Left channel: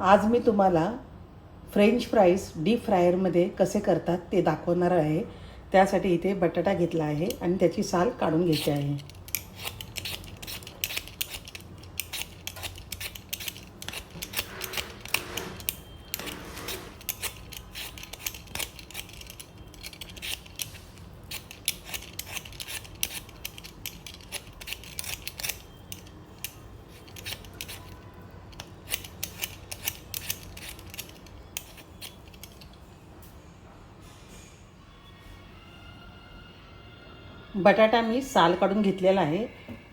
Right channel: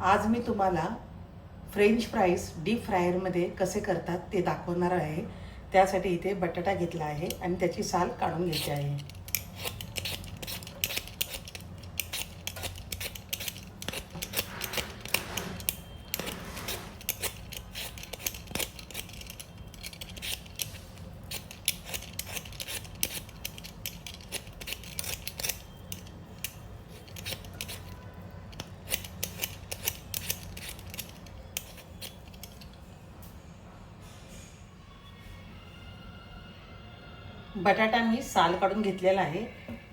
आज मी तुम्हाला French fries deep फ्रायरमध्ये कसे करतात ते दाखवणार आहे। त्यासाठी इथे बटाटा घेतला आहे आणि त्याची साल काढून घ्यायची आहे। बटाटा मी साल काढून घेतलेला आहे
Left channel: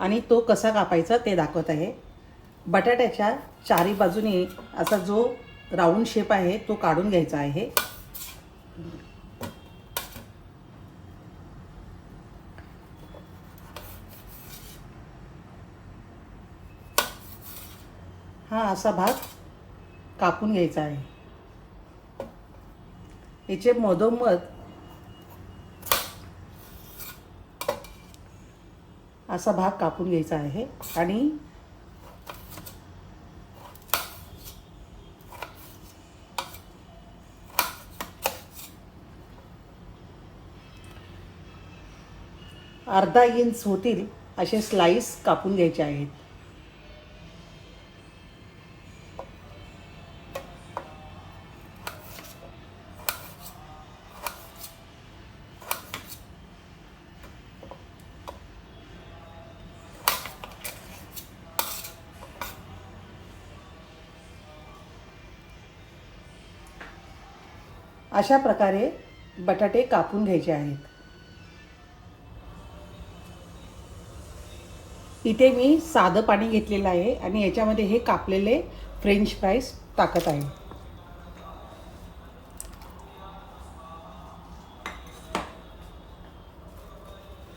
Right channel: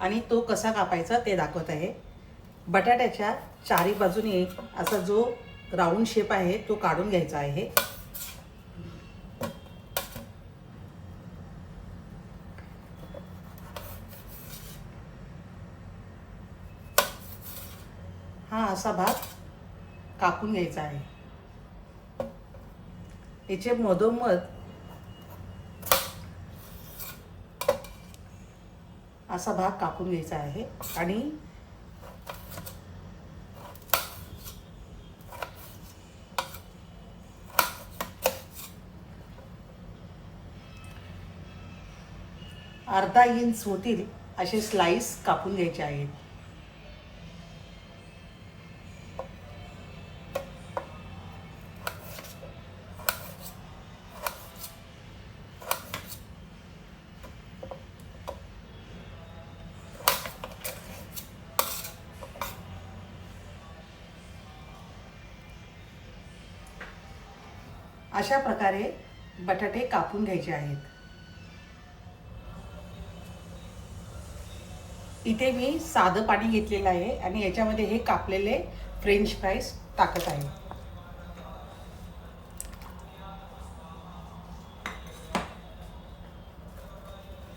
आणि तो कसा कापायचा ते दाखवत आहे। बटाट्याच्या चारी बाजूने असा जो राऊंड शेप आहे तो काढून घ्यायचा आहे। हा असा भाग कापून घ्यायचा आहे। याचे मधोमध असा भाग कापून घ्यायचा आहे आणि अर्धा इंच होतील असे स्लाइस कापून घ्यायचे आहेत। अशा प्रकारे बटाटे कापून घ्यायचे आहेत। इथे मी साधं पाणी घेतलेलं आहे आणि याच्यामध्ये हे कापलेले फ्रेंच फ्राईज टाकत आहे।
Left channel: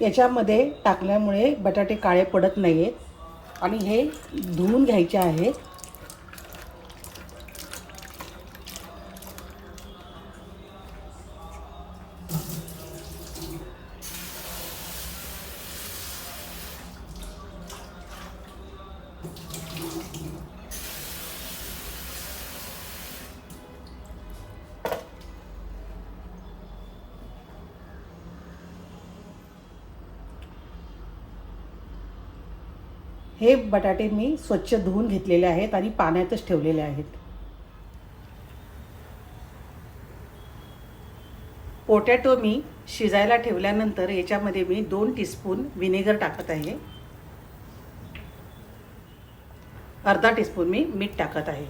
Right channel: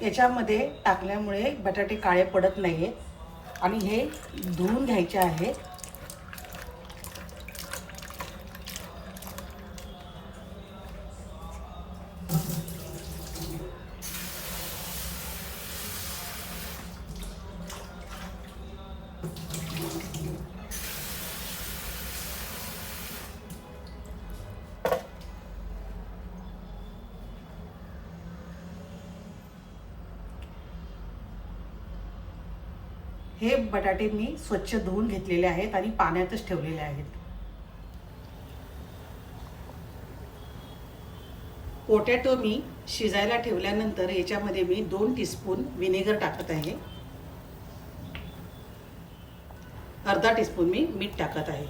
याच्यामध्ये टाकल्यामुळे बटाटे काळे पडत नाहीत आणि हे धुवून घ्यायचे आहेत। हे बटाटे मी स्वच्छ धुवून घेतलेले आहेत आणि पाण्यातच ठेवलेले आहेत। पोटॅटो मी शिजायला ठेवल्यानंतर याच्यामध्ये मी 2 टीस्पून विनेगर टाकत आहे। अर्धा टीस्पून मी मीठ टाकत आहे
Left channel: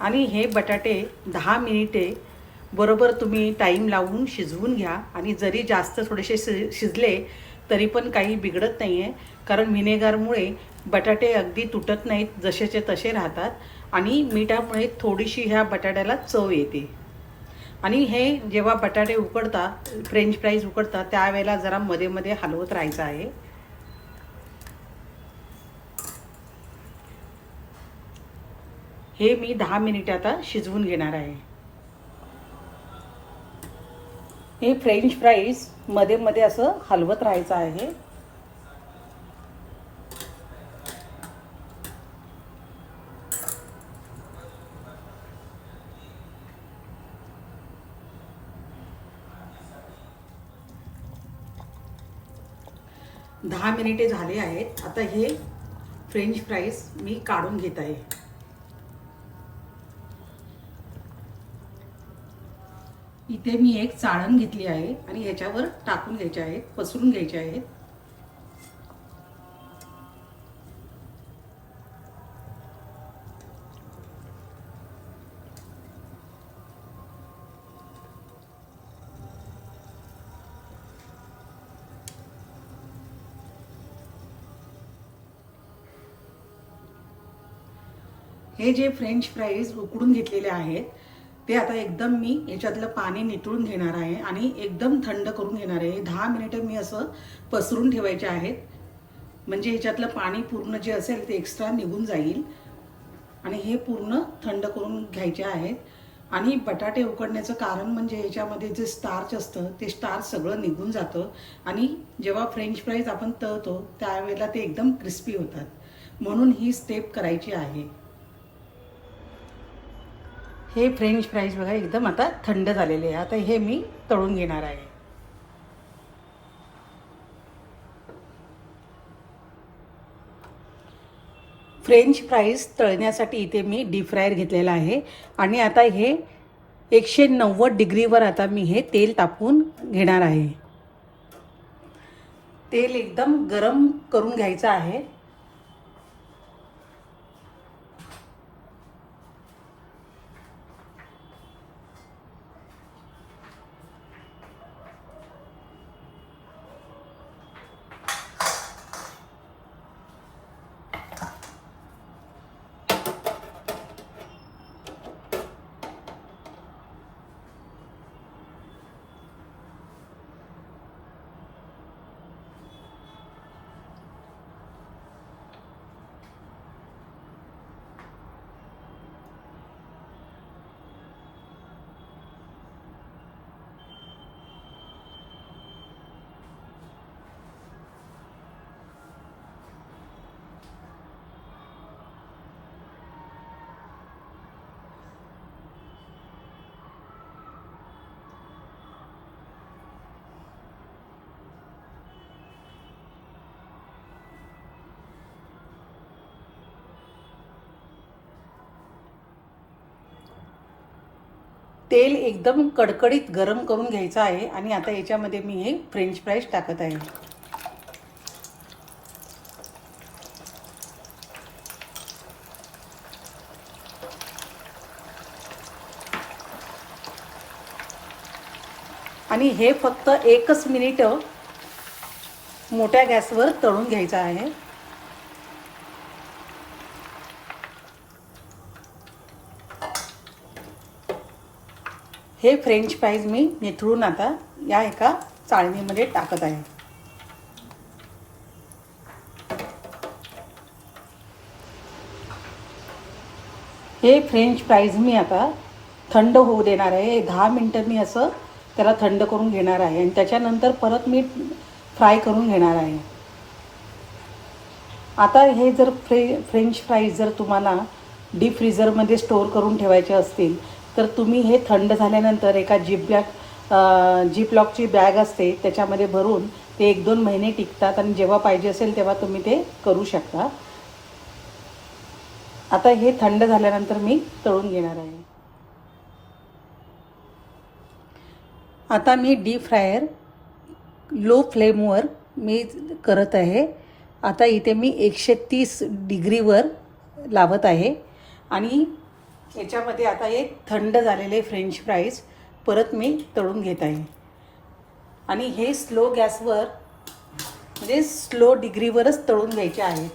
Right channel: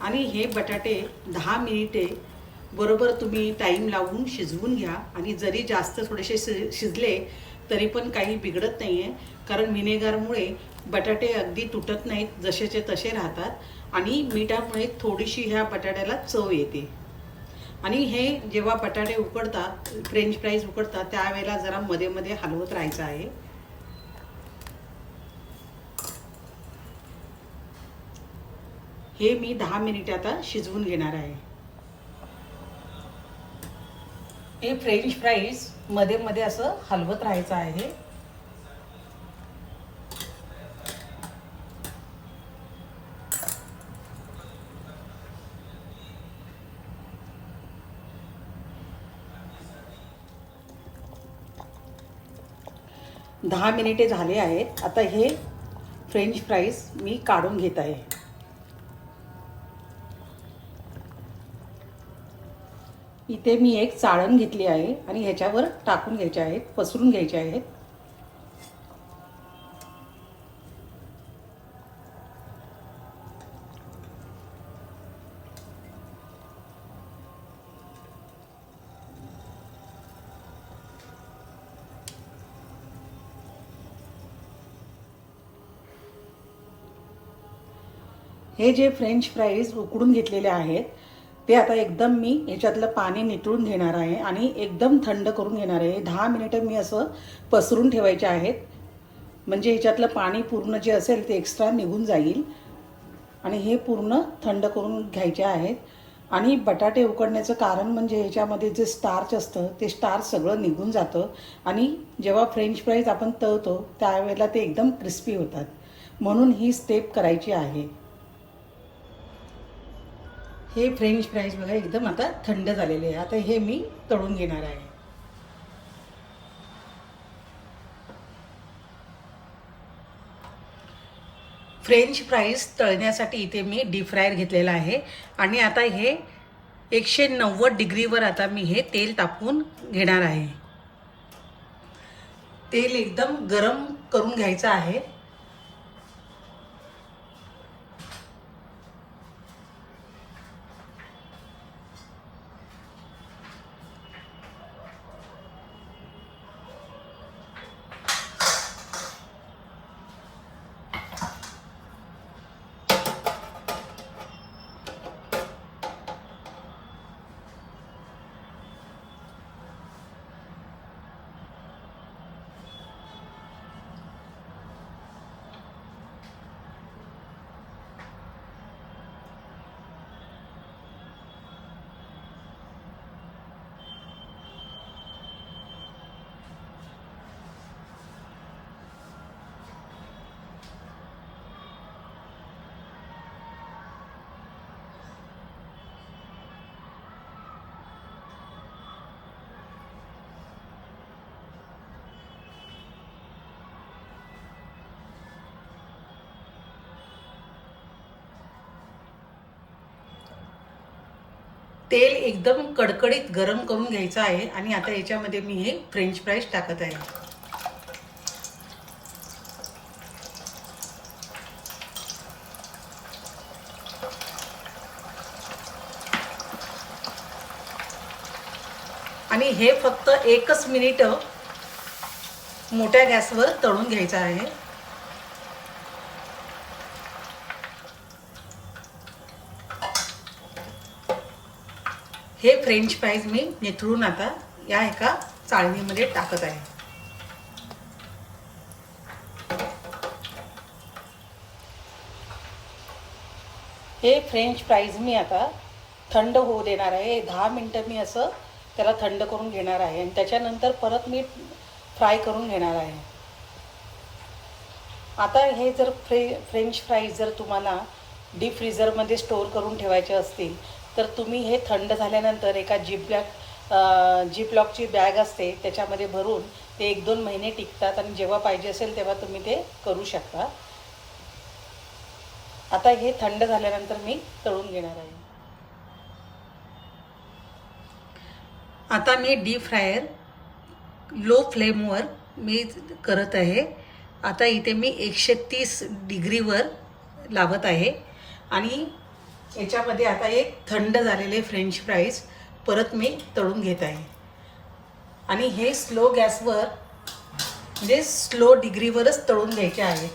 आणि हे बटाटे 10 मिनिटे बरोबर तुम्ही टाइम लावून शिजवून घ्या आणि जरी जास्त थोडेसे शिजले तरी पण काही बिघडत नाहीये, कारण व्हिनेगरमुळे बटाटे अगदी तुटत नाहीत, जसेचे तसे राहतात आणि मीठामुळे थोडीशी ह्या बटाट्याला चव येते। आणि हे जेव्हा बटाटे उकडतात, फ्रेंच फ्राईज उकडतात, त्यावेळेला जरा मध्ये मध्ये हलवत राहायचं आहे। हे मी 10 मिनिटे आता शिजवून घेणार आहे। हे फ्रेंच फ्राईज मध्ये मध्ये असं हलवत राहायचं आहे। दहा मिनिटे झाले आहेत। आता हे फ्रेंच फ्राईज मी काढून घेत आहे। इथे मी एक चाळण घेतली आहे आणि ह्याच्यावर टाकून घ्यायचे आहेत, पसरून घ्यायचे आहेत। हे जे फ्रेंच फ्राईज उकडून घेतलेले आहेत ते आता एकदम मी याच्यातलं पाणी नितळून घेणार आहे आणि एकदम थंड करून घेणार आहे। 10 मिनिटे मी असं पसरून ठेवायचे आहेत, म्हणजे ह्याच्यातलं पाणी पूर्ण जे असेल ते एक्स्ट्रा निघून जाईल आणि हे पूर्ण थंड करून घ्यायचे आहेत। आणि बटाटे उकडण्याचं कारण म्हणजे ह्याच्यामध्ये जे स्टार्च असतं ते स्टार्च सगळं निघून जातं आणि जेव्हा फ्रेंच फ्राईज आपण तळतो त्यावेळेला ते एकदम क्रिस्पी होतात। म्हणून ही स्टेप करायची आहे. हे फ्रेंच फ्राईज बघा एकदम आता थंड झालेले आहे. आता हे मी तळून घेणार आहे. फ्रेंच फ्राईज तळण्यासाठी इथे मी डीप फ्रायर घेतलेला आहे आणि आता हे 190 डिग्रीवर आता मी हे तेल तापवून घेणार आहे. तेल एकदम गरम करून घ्यायचं आहे. तेल एकदम कडकडीत गरम करून घ्यायचं आहे आणि आता याच्यामध्ये मी हे फ्रेंच फ्राईज टाकत आहे. आणि हे फक्त 1 मिनिट मोठ्या गॅसवर तळून घ्यायचं आहे. हे फ्रेंच फ्राईज मी निथळून आता या एका चाळणीमध्ये टाकत आहे. हे फ्रेंच फ्राईज मी आता थंड होऊ देणार आहे. 10 मिनिटं मी असं त्याला थंड करून घेणार आहे आणि त्याच्यानंतर परत मी फ्राय करून घेणार आहे. आता हे जर फ्रेंच फ्राईज जर तुम्हाला डीप फ्रीझरमध्ये स्टोअर करून ठेवायचे असतील तर तुम्ही हे थंड झाल्यानंतर एका जिप लॉकची बॅग असते त्याच्यामध्ये भरून ते 1-2 महिने टिकतात आणि जेव्हा पाहिजे असेल तेव्हा तुम्ही ते करू शकता. आता हे थंड झाल्यानंतर मी तळून घेणार आहे. आता मी डीप फ्रायर लो फ्लेमवर मी करत आहे. आता इथे मी 130 डिग्रीवर लावत आहे आणि याच्यामध्ये आता एक थंड झालेले फ्रेंच फ्राईज परत मी तळून घेत आहे. आणि हे स्लो गॅसवर म्हणजे स्लो डिग्रीवरच तळून घ्यायचे आहे.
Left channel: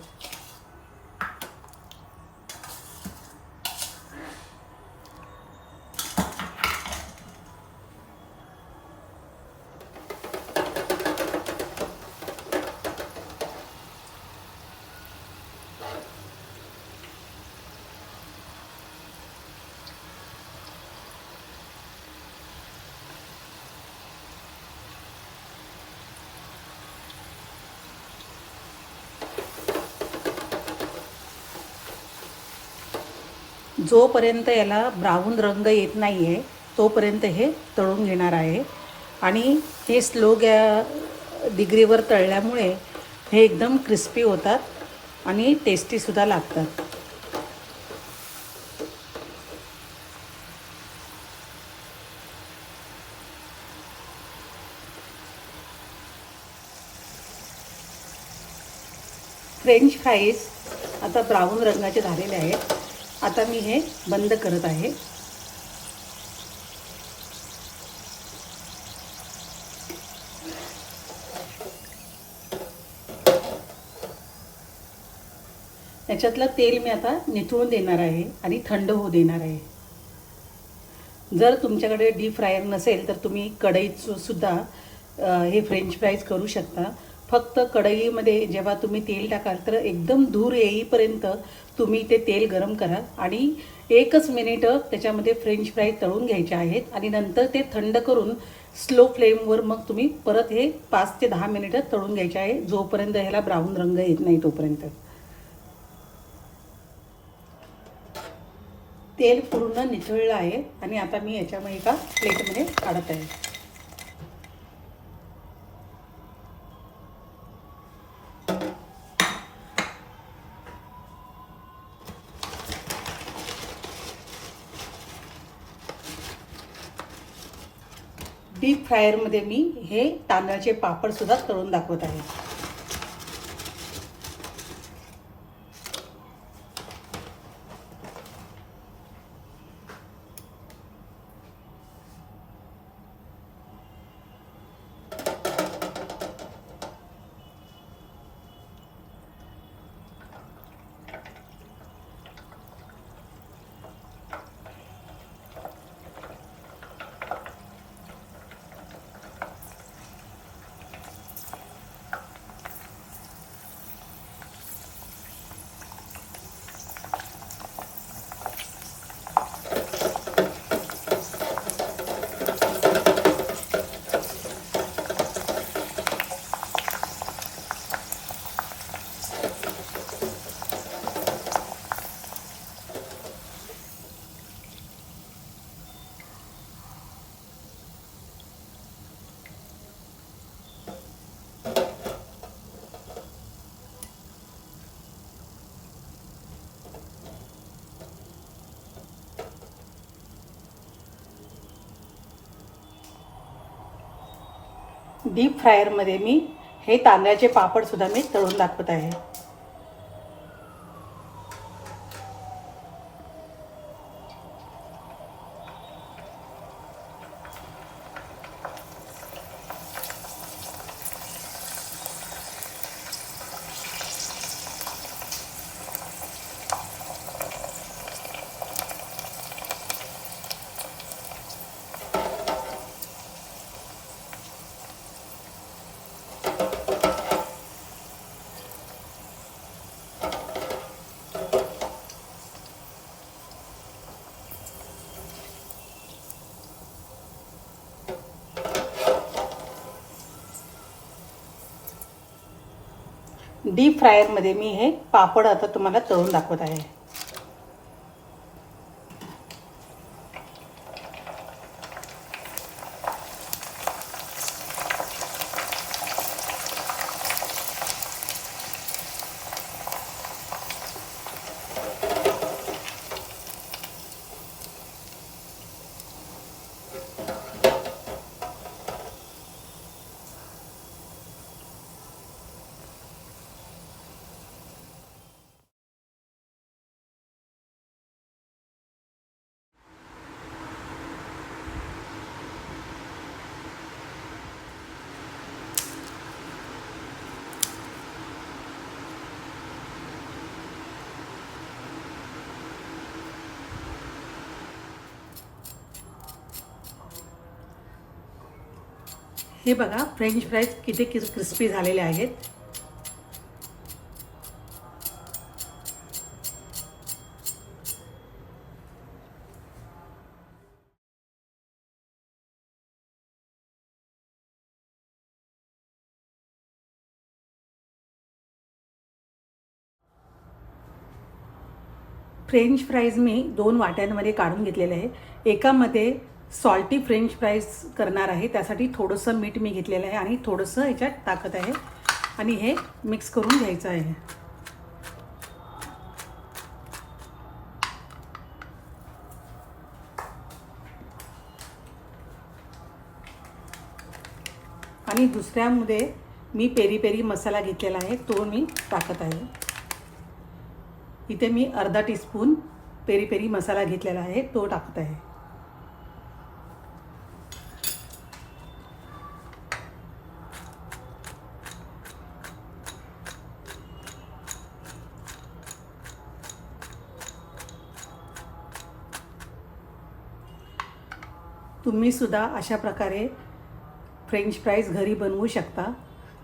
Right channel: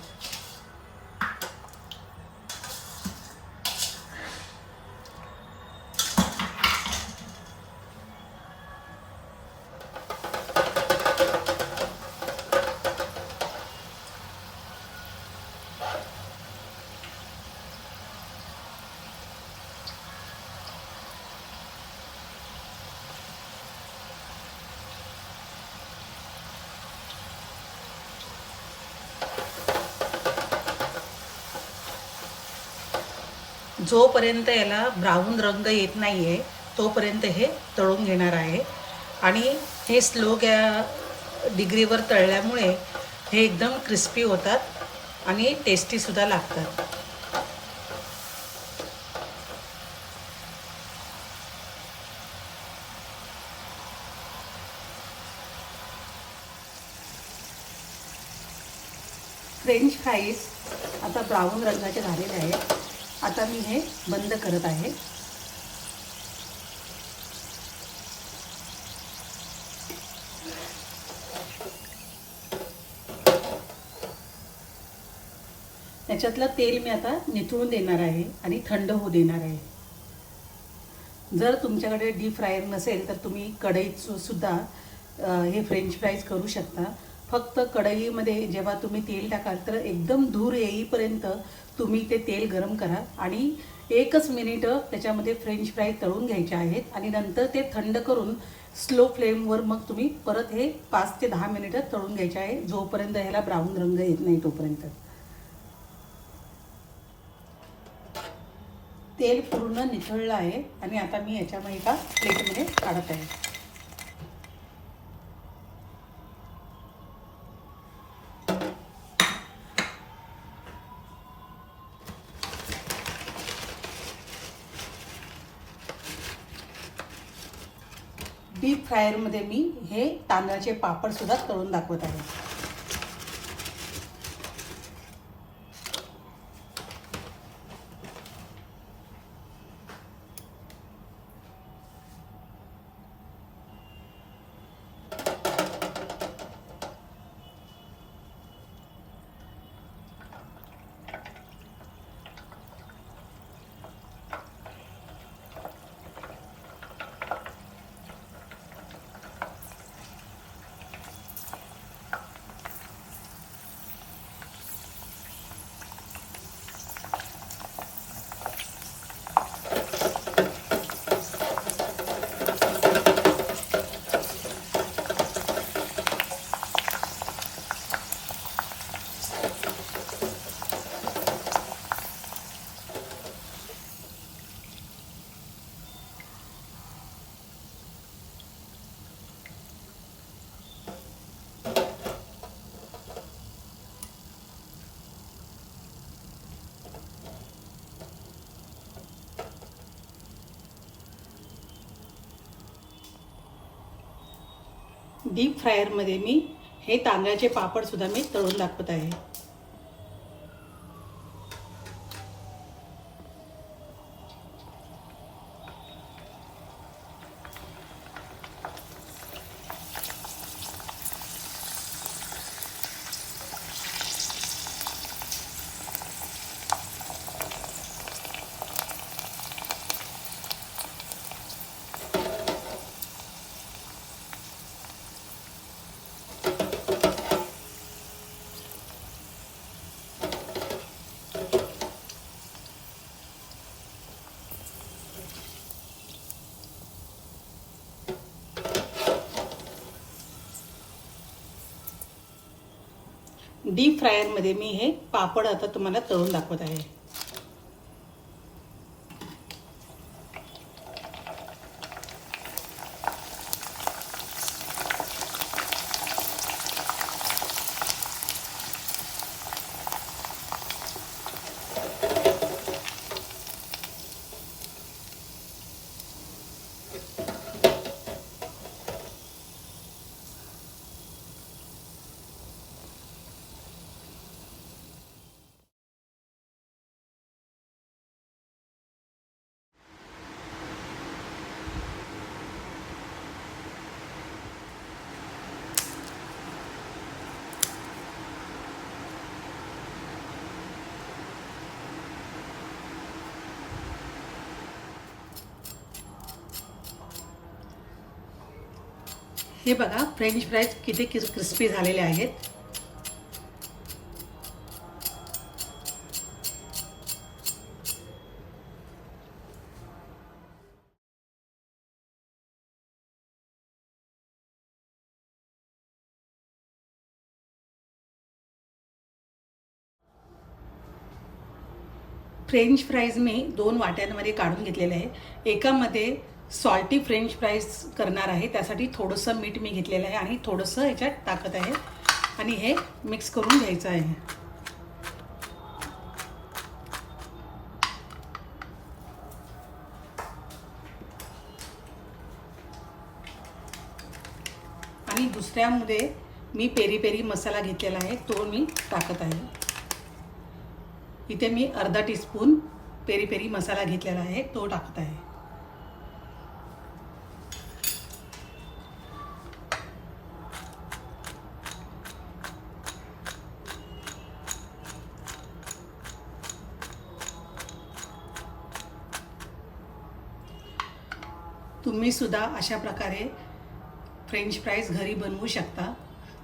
जोपर्यंत याला ब्राऊन रंग येत नाही आहे तोपर्यंत हे तळून घेणार आहे. आणि हे स्लो डिग्रीवर तळल्यामुळे हे एकदम क्रिस्पी होतात आणि टेस्टीसुद्धा लागतात. फ्रेंच फ्राईज आता ब्राऊन रंगाचे झालेले आहेत. आता मी हे बंद करत आहे. याच्यातलं तेल मी आता निथळून देणार आहे आणि थंड होऊ देणार आहे. जर तुमच्याकडे डीप फ्रायर नसेल तर तुम्ही कढईत सुद्धा हे फ्रेंच फ्राईज करू शकता. फक्त कढईमध्ये जेव्हा तुम्ही तेल टाकाल तर एकदम धूर येईपर्यंत तुम्ही ते तेल गरम करा आणि 1 मिनिट त्याच्यामध्ये फ्रेंच फ्राय तळून घ्यायचे आहेत आणि नंतर ते थंड करून स्लो फ्लेमवर मग तुम्ही परत हे 5 ते 10 मिनिटं तळून घ्यायचे आहे जोपर्यंत ह्याला ब्राऊन रंग येत नाही तोपर्यंत. तेल पूर्ण निथळलं आहे आणि आता मी याच्यामध्ये एका प्लेटमध्ये काढत आहे. डीप फ्रायरमध्ये मी हे तांदळाचे पापड सुद्धा तळून दाखवत आहे. डीप फ्रायरमध्ये मी हे तांदळाचे पापड सुद्धा मी तळून दाखवत आहे. डीप फ्रायरमध्ये मी हे पापड आता तुम्हाला तळून दाखवत आहे. हे बघा फ्रेंच फ्राईज किती क्रिस्पी झालेले आहेत. फ्रेंच फ्राईज मी 2 वाट्यांमध्ये काढून घेतलेले आहे. एकामध्ये सॉल्टी फ्रेंच फ्राईज करणार आहे, त्यासाठी थोडंसं मीठ मी घेतलेलं आहे आणि थोडंसं याच्यात टाकत आहे आणि हे मिक्स करून घ्यायचं आहे. आणि दुसऱ्यामध्ये मी पेरी पेरी मसाला घेतलेला आहे, तो मी टाकत आहे. इथे मी अर्धा टीस्पून पेरी पेरी मसाला घेतलेला आहे, तो टाकत आहे. तुम्ही सुद्धा अशा प्रकारे फ्रेंच फ्राईज घरी बनवू शकता.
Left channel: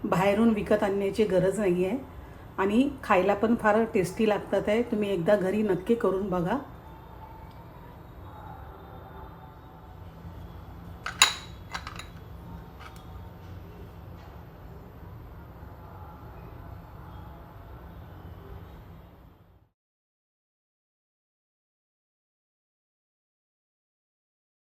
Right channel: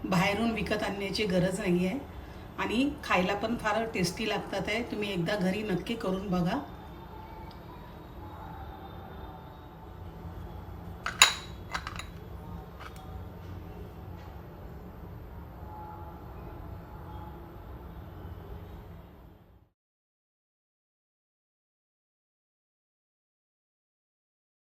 बाहेरून विकत आणण्याची गरज नाही आहे आणि खायला पण फार टेस्टी लागतात आहे. तुम्ही एकदा घरी नक्की करून बघा.